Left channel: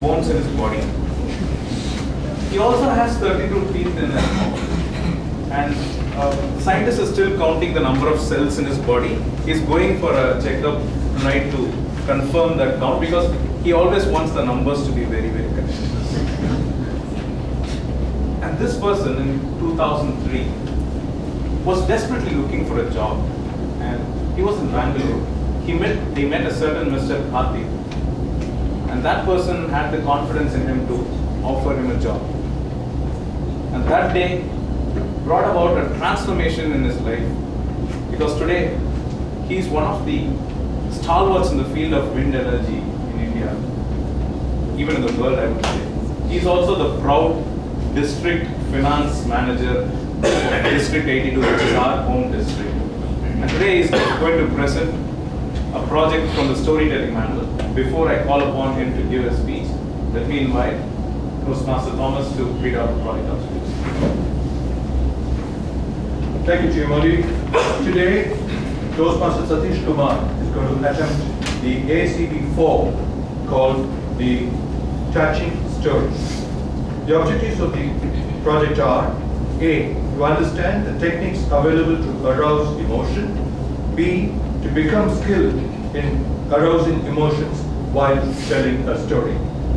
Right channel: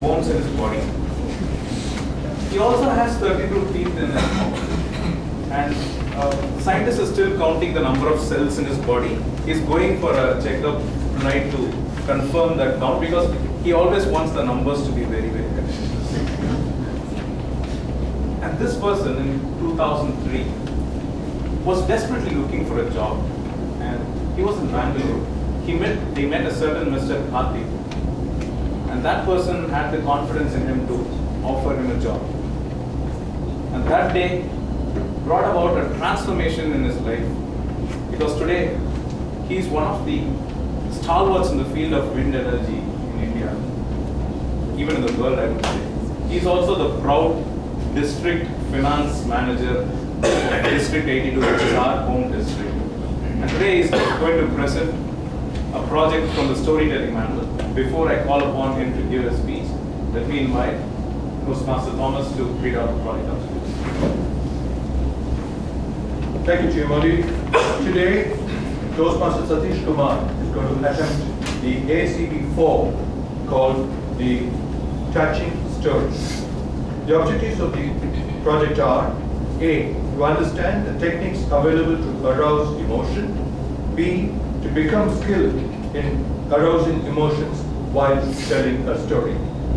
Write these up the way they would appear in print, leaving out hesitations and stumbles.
bones in his body. He also has 32 teeth in his mouth. And scientists are still counting the number of cells in his body. He's going for a checkup tonight to confirm that count because he always wants the numbers to be very, very correct. And this person in 2003 was desperately looking for a job. And he was in Bangalore. He met a certain Mr. Sathees. And that person had the confidence in him to offer him a job. And that day brought about a transformation in his life. Because today, he is one of the stalwarts in the field of wind energy in India. Even in the world, I would say. He is also the proud district finance manager of District 82, which is our home district. And today he is going to present a project from the storytelling manual. Before I call upon him to give a speech, let me invite Toastmaster Thomas to read out the project objectives. Thank you, Chimoli. Today, Toastmaster Satish Kumar is going to attempt the ACB4 called the Touching Story. The objectives of the project are: A, to understand the techniques available to arouse emotion; B, to become skilled in arousing emotions while telling a story.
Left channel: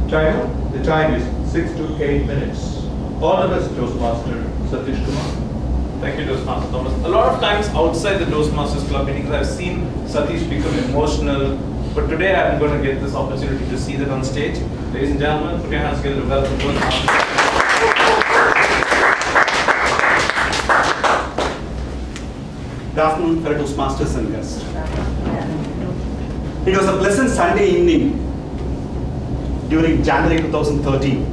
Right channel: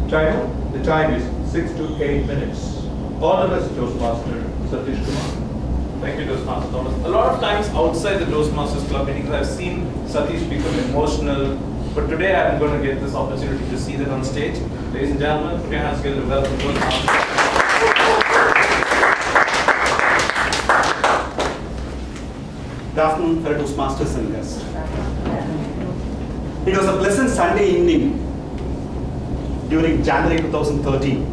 Timer, the time is 6 to 8 minutes. All the best, Toastmaster Satish Kumar. Thank you, Toastmaster Thomas. A lot of times outside the Toastmasters Club meetings, I've seen Sathees become emotional, but today I'm going to get this opportunity to see that on stage. Ladies and gentlemen, put your hands together to welcome Toastmasters. Good afternoon, fellow Toastmasters and guests. It was a pleasant Sunday evening during January 2013.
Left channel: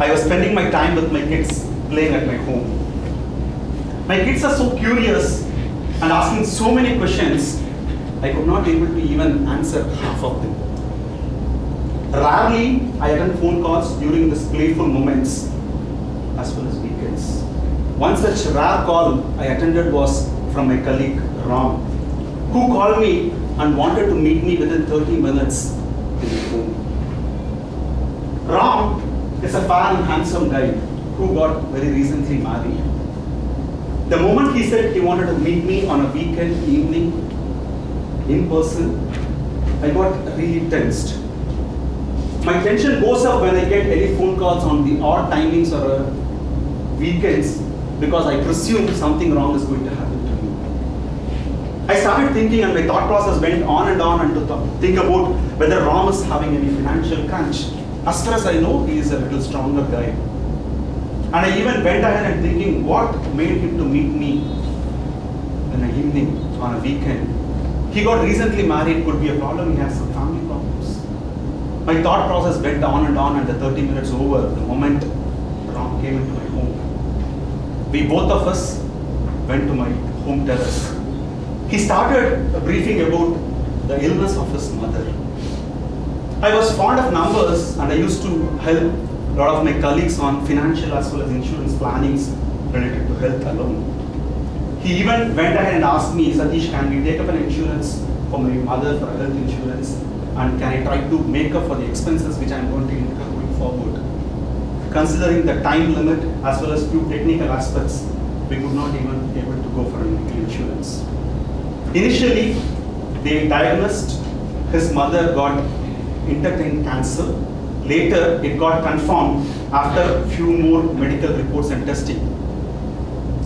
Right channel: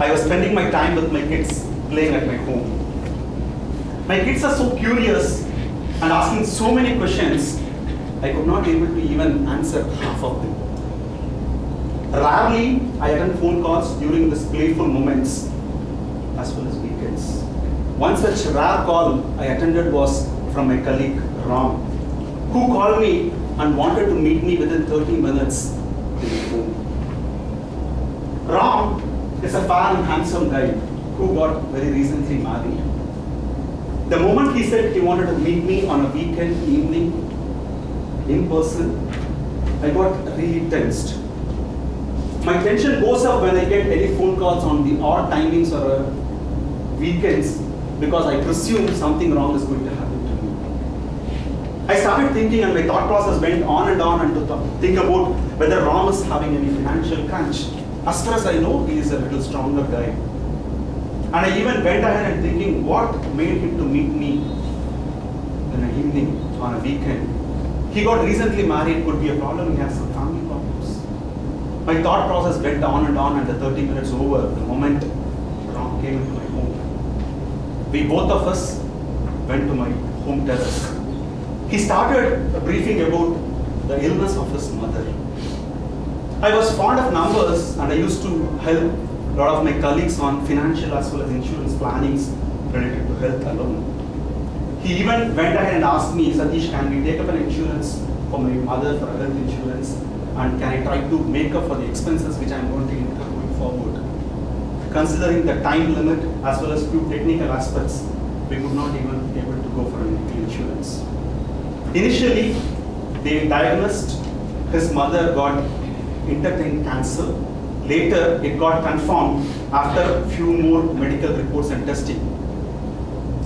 I was spending my time with my kids playing at my home. My kids are so curious and asking so many questions, I could not able to even answer half of them. Rarely, I attend phone calls during these playful moments as well as weekends. One such rare call I attended was from my colleague, Ram, who called me and wanted to meet me within 30 minutes in his home. Ram is a fair and handsome guy who got very recently married. The moment he said he wanted to meet me on a weekend evening in person, I got really tensed. My tension goes up when I get any phone calls on the odd timings or weekends because I presume something wrong is going to happen to me. I started thinking and my thought process went on and to think about whether Ram is having any financial crunch. As far as I know, he is a little stronger guy. And I even went ahead and thinking what made him to meet me in an evening on a weekend. He got recently married, could be a problem, he has some family problems. My thought process went on and the 30 minutes over the moment Ram came into my home. We both of us went to my home terrace. He started briefing about the illness of his mother. I was fond of numbers and I used to help a lot of my colleagues on financial as well as insurance plannings related to health alone. He even went ahead and asked me, Satish, can we take up an insurance for my mother for health insurance, and can I try to make up for the expenses which I'm going to incur going forward? Considering the time limit as well as few technical aspects, we could not even be able to go for medical insurance. Initially, they diagnosed his mother got intestine cancer. Later, it got confirmed after a few more medical reports and testing.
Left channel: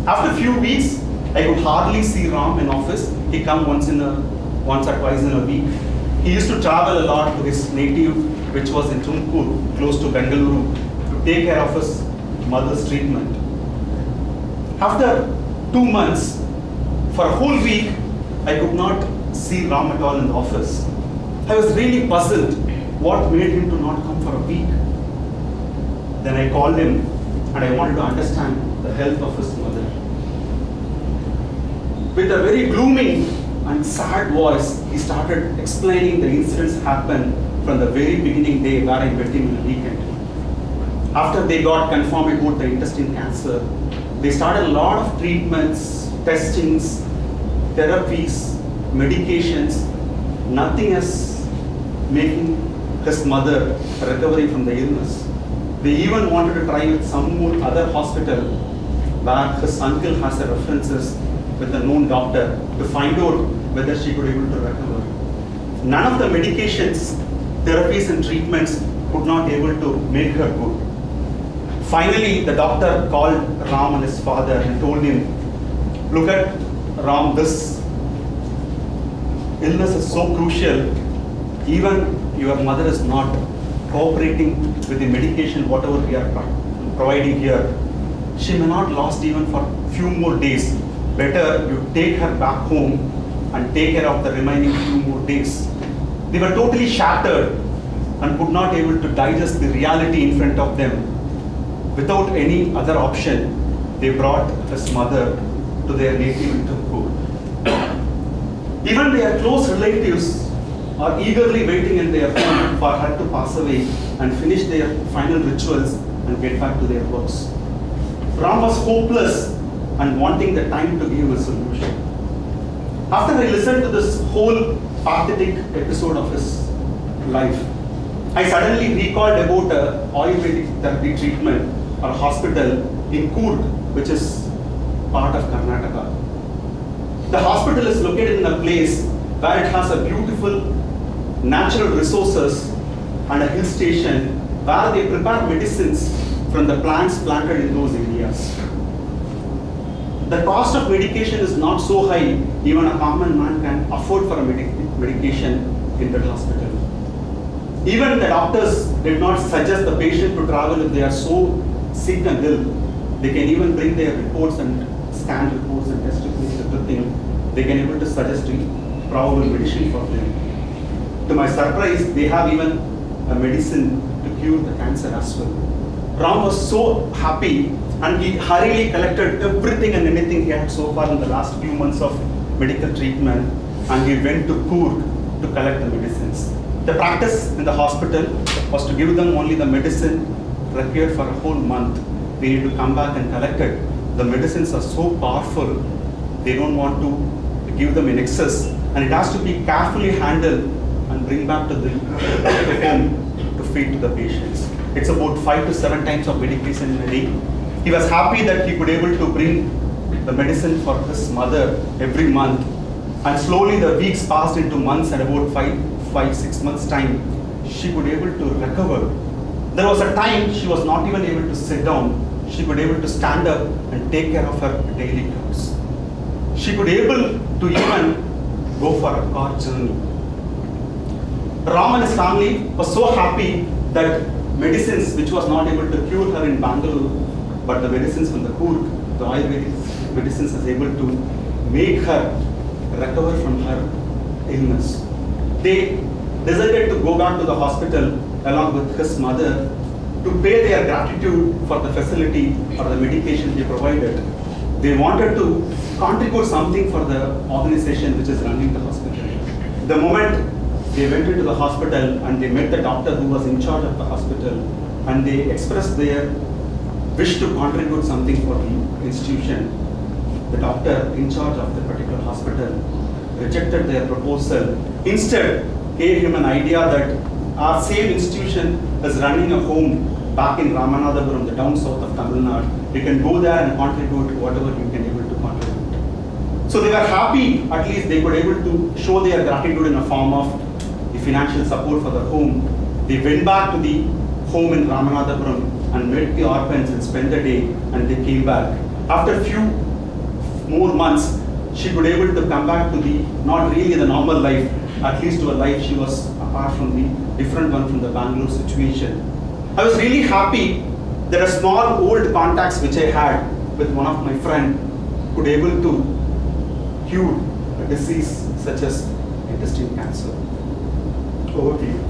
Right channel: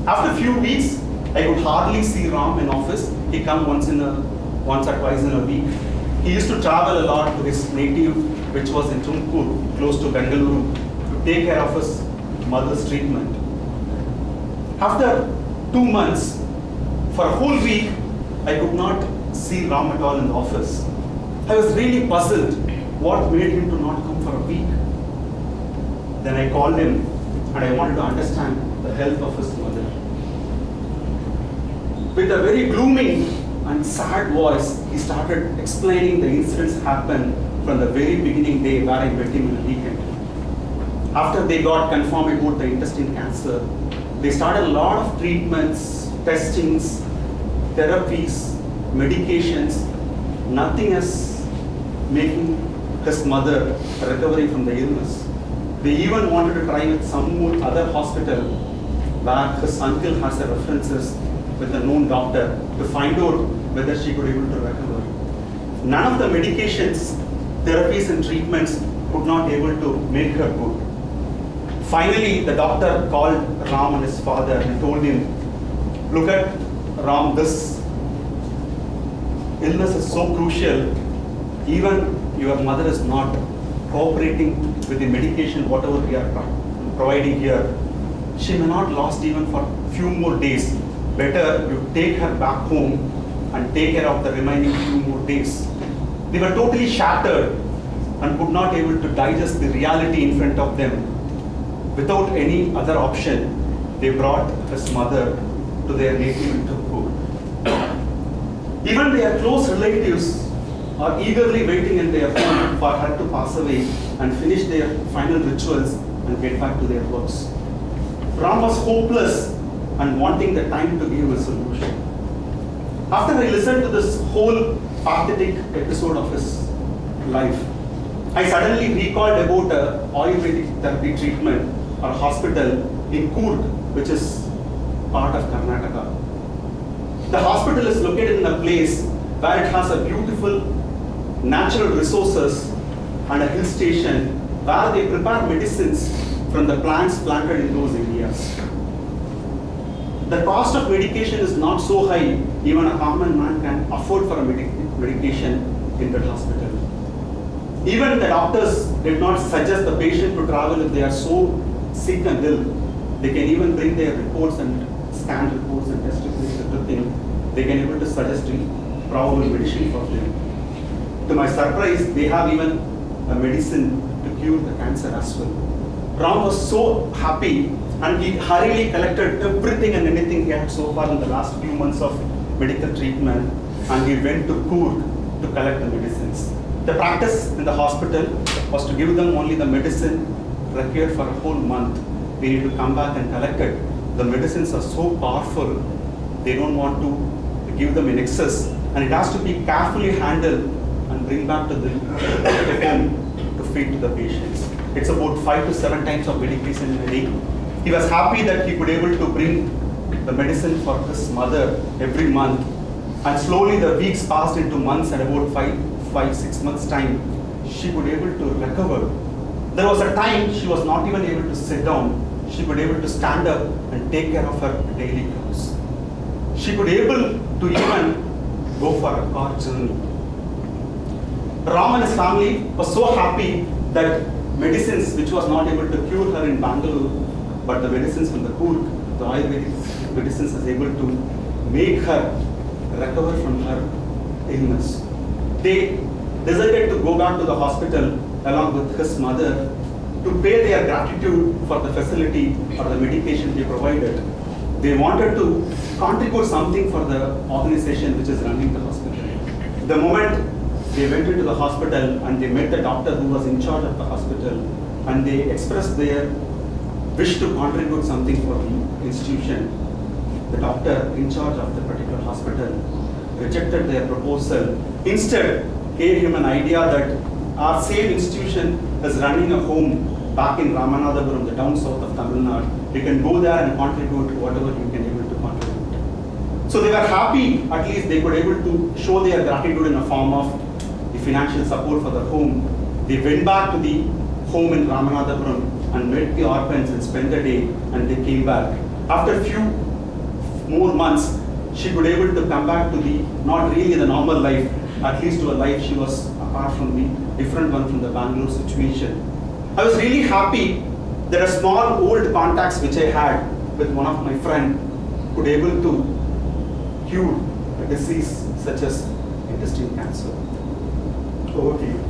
After a few weeks, I could hardly see Ram in office. He come once or twice in a week. He used to travel a lot to his native, which was in Tumkur, close to Bengaluru, to take care of his mother's treatment. After 2 months, for a whole week, I could not see Ram at all in the office. I was really puzzled. What made him to not come for a week? Then I called him and I wanted to understand the health of his mother. With a very gloomy and sad voice, he started explaining the incidents happened from the very beginning day where I met him in a weekend. After they got confirmed about the intestine cancer, they started a lot of treatments, testings, therapies, medications. Nothing is making his mother recovering from the illness. They even wanted to try with some more other hospital where his uncle has the references with a known doctor to find out whether she could able to recover. None of the medications, therapies and treatments could not able to make her good. Finally, the doctor called Ram and his father and told him, look at Ram, this illness is so crucial, even your mother is not cooperating with the medication, whatever we are providing here. She may not last even for a few more days. Better you take her back home and take care of the remaining few more days. They were totally shattered and could not able to digest the reality in front of them. Without any other option, they brought his mother to their native in Turku. Even their close relatives are eagerly waiting in their home for her to pass away and finish their final rituals and get back to their works. Ram was hopeless and wanting the time to give a solution. After I listened to this whole pathetic episode of his life, I suddenly recalled about a Ayurvedic therapy treatment or hospital in Coorg, which is part of Karnataka. The hospital is located in a place where it has a beautiful natural resources and a hill station where they prepare medicines from the plants planted in those areas. The cost of medication is not so high, even a common man can afford for a medication in that hospital. Even the doctors did not suggest the patient to travel if they are so sick and ill. They can even bring their reports and scan reports and test reports, everything. They can able to suggest probable medicine for them. To my surprise, they have even a medicine to cure the cancer as well. Ram was so happy and he hurriedly collected everything and anything he had so far in the last few months of medical treatment, and he went to Coorg to collect the medicines. The practice in the hospital was to give them only the medicine required for a whole month. They need to come back and collect it. The medicines are so powerful, they don't want to give them in excess, and it has to be carefully handled and bring back to the home to feed to the patients. It's about 5 to 7 times of medication in a day. He was happy that he could able to bring the medicine for his mother every month, and slowly the weeks passed into months, and about 5-6 months time, she could able to recover. There was a time she was not even able to sit down. She could able to stand up and take care of her daily chores. She could able to even go for a car journey. Ram and his family was so happy that medicines which was not able to cure her in Bangalore, but the medicines from the Coorg, the Ayurvedic medicines is able to make her recover from her illness. They decided to go back to the hospital along with his mother to pay their gratitude for the facility or the medication they provided. They wanted to contribute something for the organization which is running the hospital. The moment they went into the hospital and they met the doctor who was in charge of the hospital, and they expressed their wish to contribute something for the institution, the doctor in charge of the particular hospital rejected their proposal. Instead, gave him an idea that our same institution is running a home back in Ramanathapuram, the down south of Tamil Nadu. You can go there and contribute whatever you can able to contribute. So they were happy, at least they could able to show their gratitude in a form of the financial support for the home. They went back to the home in Ramanathapuram and met the orphans and spent the day, and they came back. After a few more months, she could able to come back to the, not really the normal life, at least to a life she was apart from the different one from the Bangalore situation. I was really happy that a small old contacts which I had with one of my friend could able to cure a disease such as intestine cancer. Over to you.